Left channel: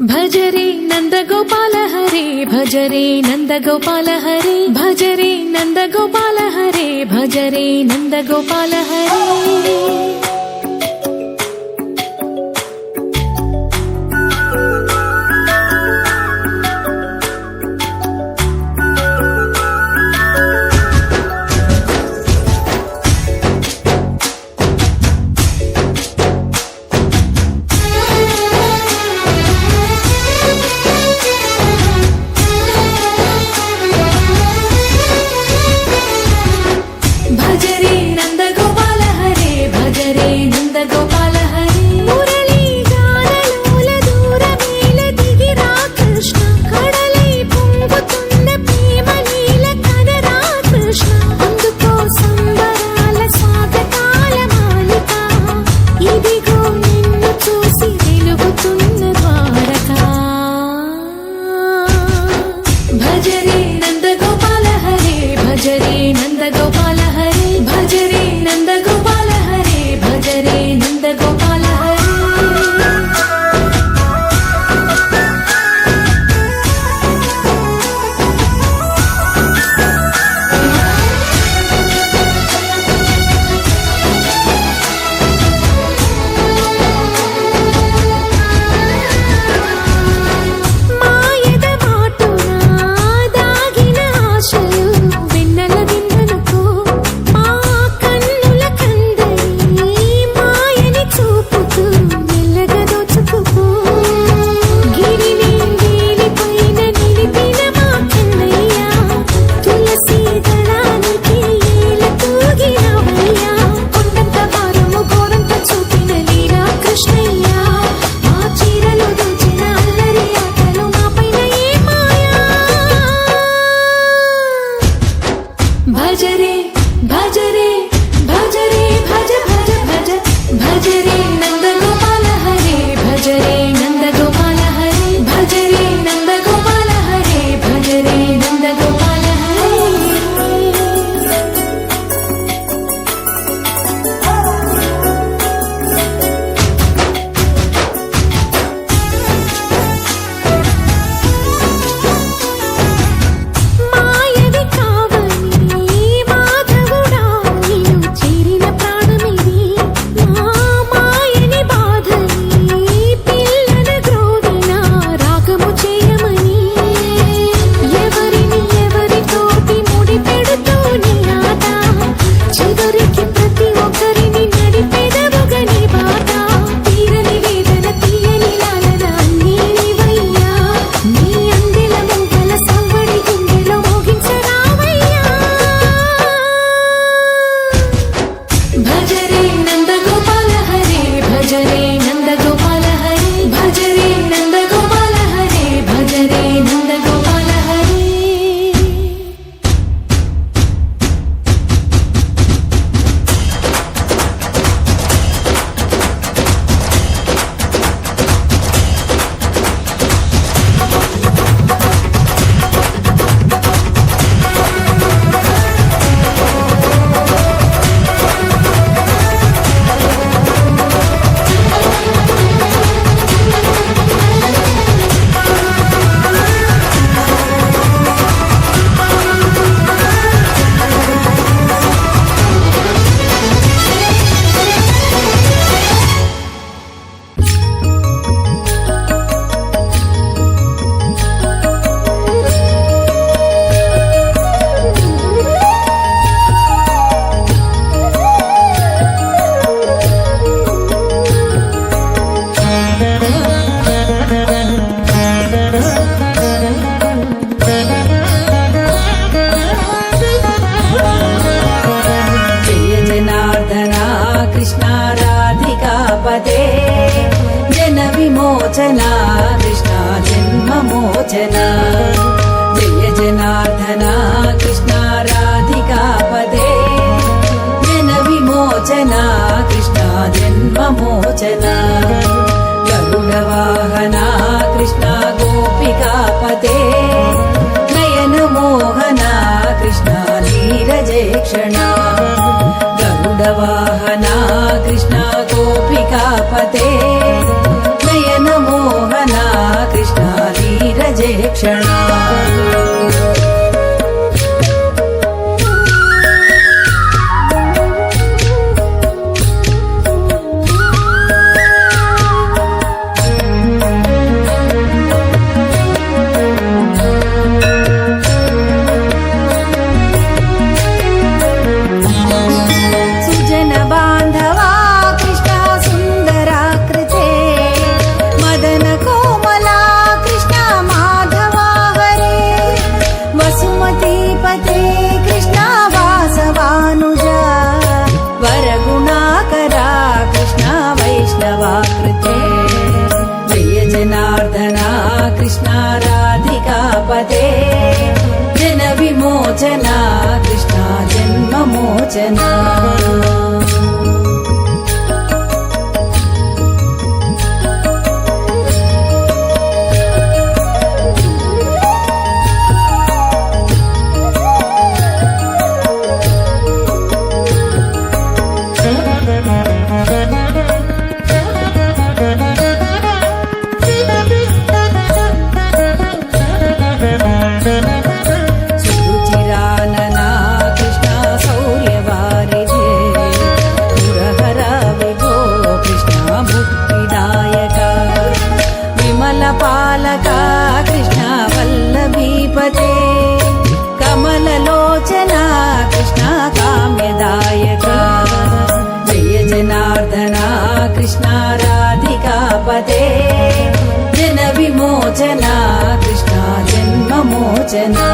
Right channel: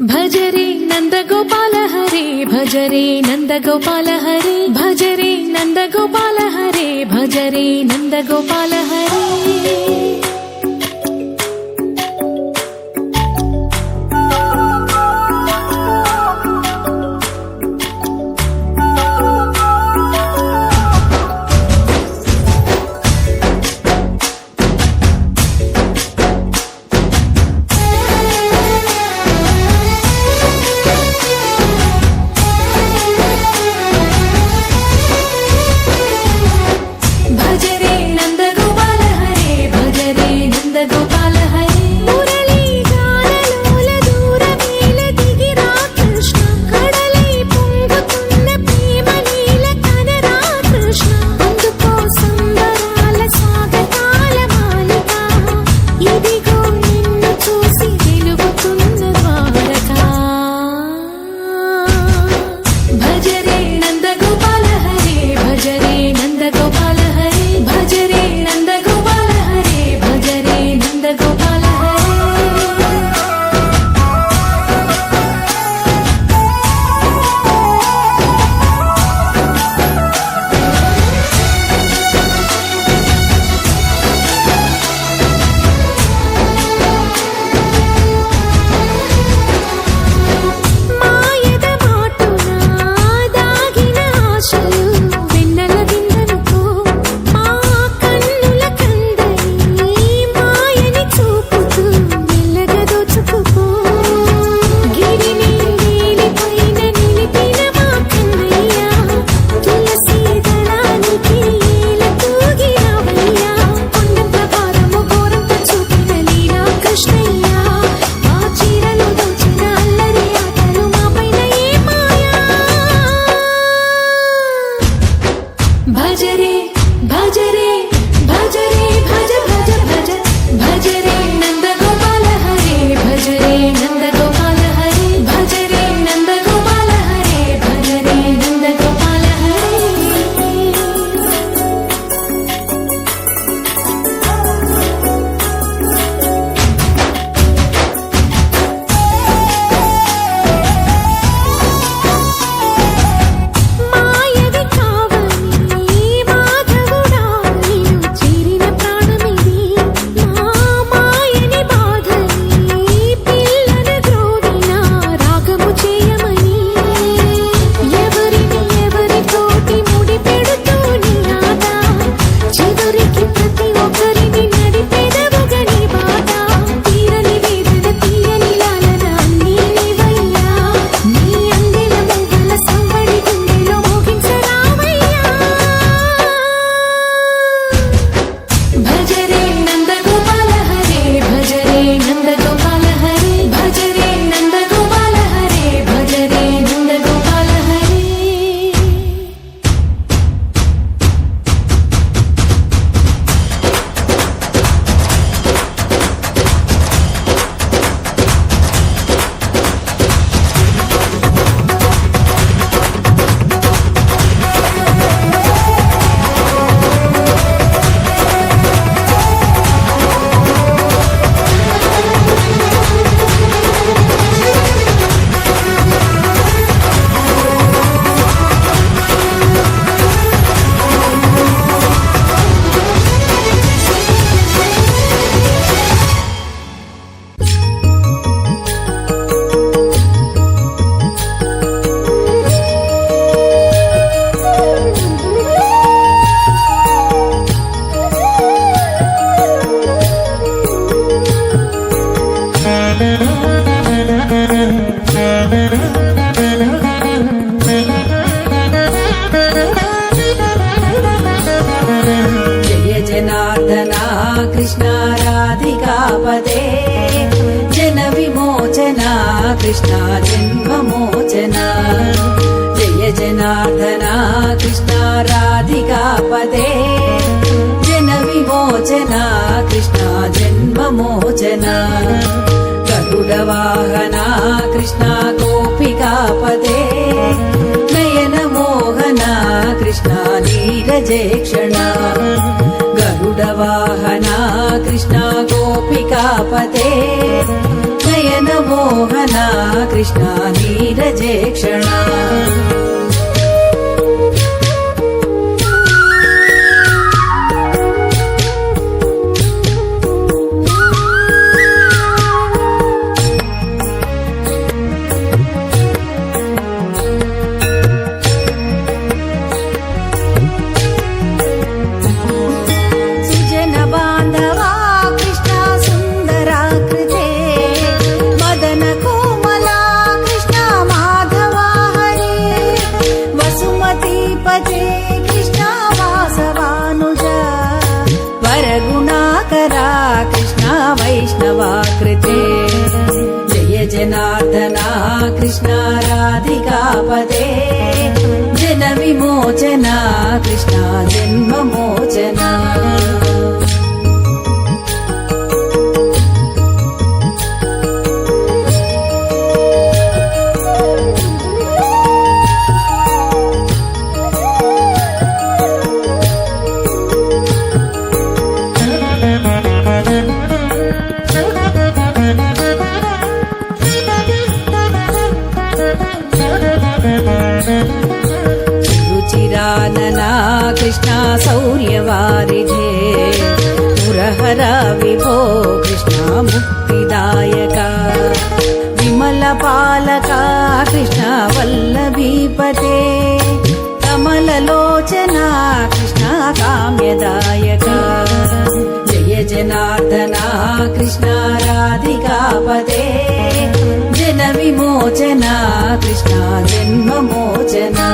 భజరే నందగోపాల హరే భజరే నందగోపాల హరే భజరే నందగోపాల హరే భజరే నందగోపాల హరే భజరే నందగోపాల హరే భజరే నందగోపాల హరే మురళీ గానలోల దూరమేల దిగిరా కృష్ణ కడలై పొంగుతున్న ప్రేమలీల కనరా కృష్ణ అందుకో సంబరాల స్వాగతాల మాలిక ఇదిగో నిన్ను చూసి వెలుగుతున్న ద్వారకా భజరే నందగోపాల హరే భజరే నందగోపాల హరే భజరే నందగోపాల హరే భజరే నందగోపాల హరే మాయద మాటున దాగిన ఆశలు వెన్నెల దిందనుకో మా కన్నుల కందని మాయని చూపుతూ మెల్లగా దోచుకుపో గిరిని వేలిపైన నిలిపిన మా కన్నయ్య తులసి దళానికి ఏల తూగినవయ్యా కొండంత భారము ఘోరంత చూపిన లీలా కృష్ణయ్య మా చీరలు దోచిన అల్లరి ఆటలు మా పైన ఏ మాయా భజరే భజరే భజరే భజ భజ భజ భజరే నందగోపాల హరే భజరే నందగోపాల హరే భజరే నందగోపాల హరే భజరే నందగోపాల హరే మాయవి కావని మాధవుడా నిన్ను చేరిన ప్రాణమిది మా మాయని బాధని పిల్లన గ్రోవిన రాగము చేయమని ఎవరిని ఎవరితోటి ముడి పెడుతూ నీ ఆట చివరికి ప్రతి ఒక్కరిని నడిపెదవుగా నీ బాట తీరని వేదన తీయని లాలన అన్నీ నీవయ్యా నీ అందెల మొగ్గల సంవడి గుండెలో మోగించరావయ్యా భజరే నందగోపాల హరే భజరే నందగోపాల హరే భజరే నందగోపాల హరే భజరే నందగోపాల హరే జయ జనార్దనా కృష్ణ రాధికాపదే జన విమోచన కృష్ణ జన్మమోచన జయ జనార్దనా కృష్ణ రాధికాపదే జన విమోచన కృష్ణ జన్మమోచన గరుడ వాహన కృష్ణ గోపికాపదే నయన మోహన కృష్ణ నీరజేక్షణ గరుడ వాహన కృష్ణ గోపికాపతే నయన మోహన कृष्णा नीरजे क्षणा कृष्णा राधिकापते जन विमोचना कृष्णा जन्ममोचना कृष्णा राधिकापते जन विमोचना कृष्णा जन्ममोचना